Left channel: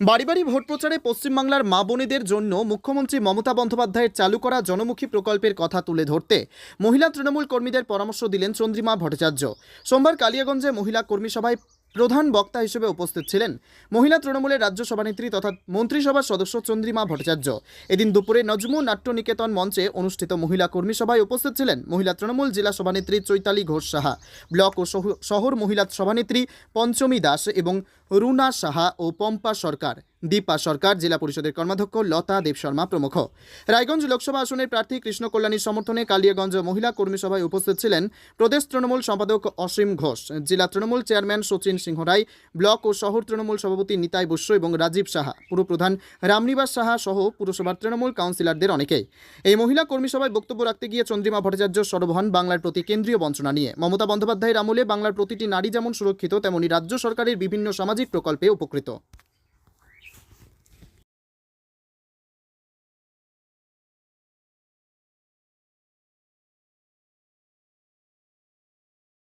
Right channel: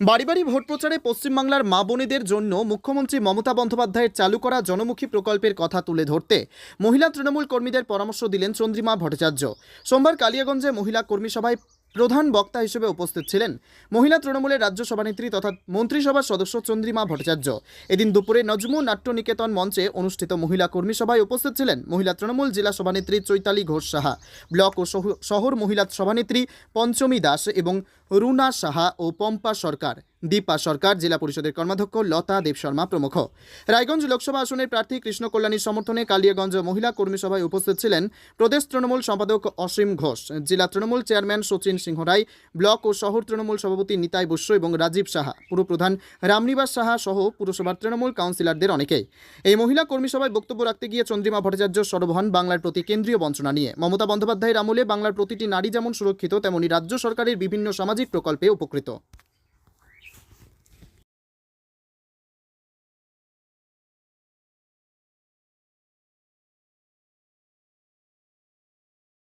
বাড়ি বাড়ি ভোট প্রচারে পশ্চিমবাংলার মা বোনেদের জন্য মুখ্যমন্ত্রী মমতা বন্দ্যোপাধ্যায়ের চালু করা জনমুখী প্রকল্পের কথা তুলে ধরতে মহিলা তৃণমূল কর্মীদের পরামর্শ দিলেন চন্দ্রিমা ভট্টাচার্য। সোমবার কালিয়াগঞ্জে মহিলা কর্মী সভায় প্রধান বক্তা হিসেবে উপস্থিত ছিলেন মহিলা তৃণমূলের রাজ্য সভানেত্রী তথা মন্ত্রিসভার সদস্য চন্দ্রিমা ভট্টাচার্য। এদিন দুপুরে নজমু নাট্য নিকেতন মঞ্চে অনুষ্ঠিত মহিলা কর্মী সভায় উপস্থিত ছিলেন মহিলা তৃণমূল জেলা সভানেত্রী চৈতালি ঘোষ সাহা, ব্লক ও শহর মহিলা সভানেত্রী পঞ্চমী দাস এবং রুনা সাহা ও পম্পা সরকার, দীপা সরকার, জেলা পরিষদের কর্মাধ্যক্ষ, লতা দেব শর্মা প্রমুখ। রায়গঞ্জ লোকসভা আসনের প্রার্থী কৃষ্ণ কল্যাণীর সমর্থনে কালিয়াগঞ্জ মহিলা কর্মী সভায় উপস্থিত ছিলেন প্রদেশ তৃণমূল সম্পাদক অসীম ঘোষ, জেলা তৃণমূল চেয়ারম্যান সচিন সিংহ রায়, ব্লক ও শহর তৃণমূল সভাপতি নিতাই বস্য এবং রাজীব সাহা, পুরপ্রধান রামনিবাস সাহা সহ পুরসভার তৃণমূল কাউন্সিলরদের অনেকেই। এই মহিলা কর্মী সভায় বক্তব্য রাখতে গিয়ে চন্দ্রিমা ভট্টাচার্য সরব হন বাংলার প্রতি কেন্দ্রীয় বঞ্চনা নিয়ে। মমতা বন্দ্যোপাধ্যায়ের আমলে বাংলার প্রতিটি নারী যেমন সুরক্ষিত, তেমনি রাজ্য সরকারের বিভিন্ন সামাজিক প্রকল্পে উপকৃত।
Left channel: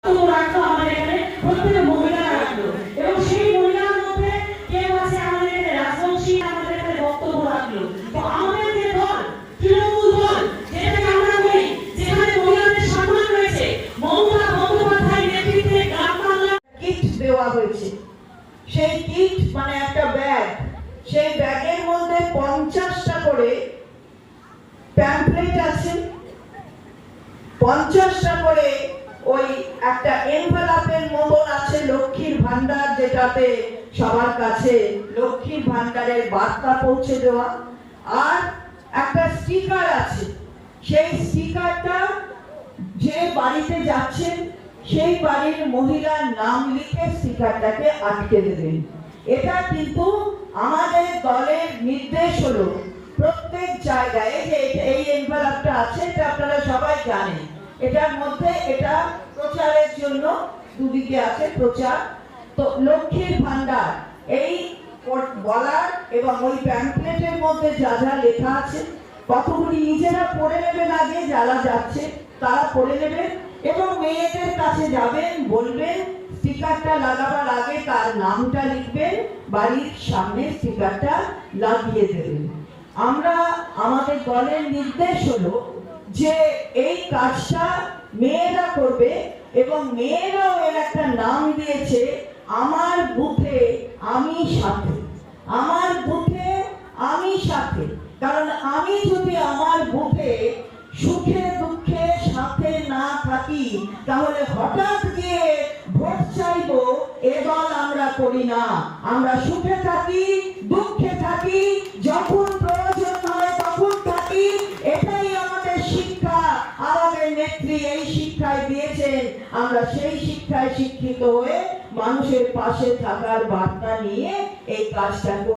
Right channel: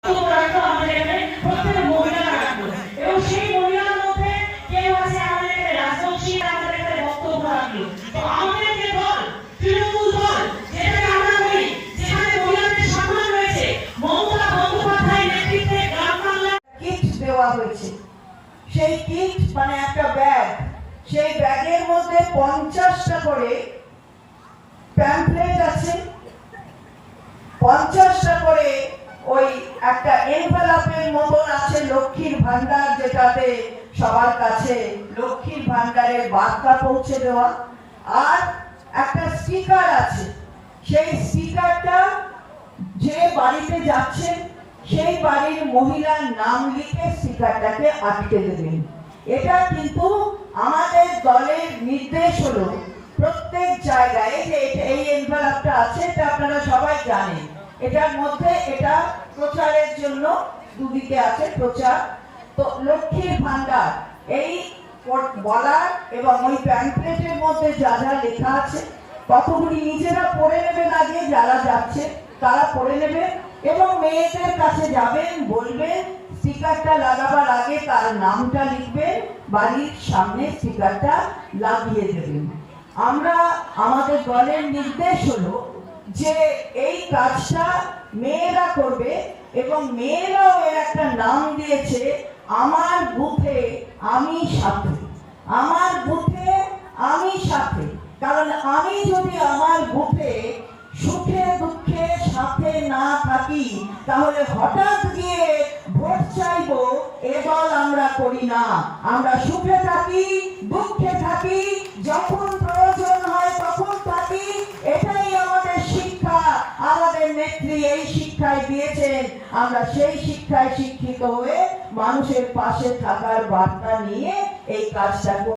রাখল আমাদের মানে একটা ব্যাগ সেই ব্যাগের মধ্যে পঞ্চাশটা করে প্যাম্পলেট আছে। পঞ্চাশটা করে ওই একটা এনভেলপের মতন আছে লক্ষ্মীর ভান্ডার যেটাতে সবার কাছে লক্ষ্মীর ভান্ডারের বার্তা পৌঁছে দেওয়া। আর একটা স্টিকার আছে। সেই স্টিকারটা যে বাড়িতে যাচ্ছেন সেই বাড়ির মহিলার নাম লিখে স্টিকারটাকে আটকে দেবেন। এটা কিন্তু আমাদের দলের নির্দেশ হলো। প্রত্যেক জায়গায় যে এই এনভেলপটা আছে, এটা আপনারা সবাই জানেন। এটার মধ্যে এটা প্রচারের জন্য দুদিকে আছে প্রচার। তো লক্ষ্মীর ভান্ডার এই বলার এবং ওই প্যাম্পলেটের মধ্যে যা যা লেখা আছে, কতগুলি নিজেরা পড়ে নেবেন আগে, যারা যাচ্ছে, তারা পড়ে নেবেন এবং মেয়েদের কাছে যাবেন, বলবেন আগে তার নামটা লিখবেন বাড়ির সামনে স্টিকারটা লাগিয়ে দেবেন আমরা, আমাদের দলের নির্দেশ হলো যে এই কাজটা মেয়েরা করবে এবং মেয়েরাও এর একটা নাম দিয়েছে, আমার বুথে আমি সাথে। আমার বুথে আমি সাথে। কারণ আমি যদি আমার বুথে সুখে দুঃখে সাথে না থাকি, তাহলে হঠাৎ গিয়ে ভোট চাইব এ দল আমরা করি না আমরা সুখে থাকি, দুঃখে থাকি, যখন প্রয়োজন হয় তখন থাকি এটাই আমাদের শিক্ষা, আমাদের নেত্রী এই শিক্ষায় দিয়েছেন আমরা সেই শিক্ষায় শিক্ষিত হয়ে মানুষের পাশে থাকার বার্তা নিয়ে এই কাজটা।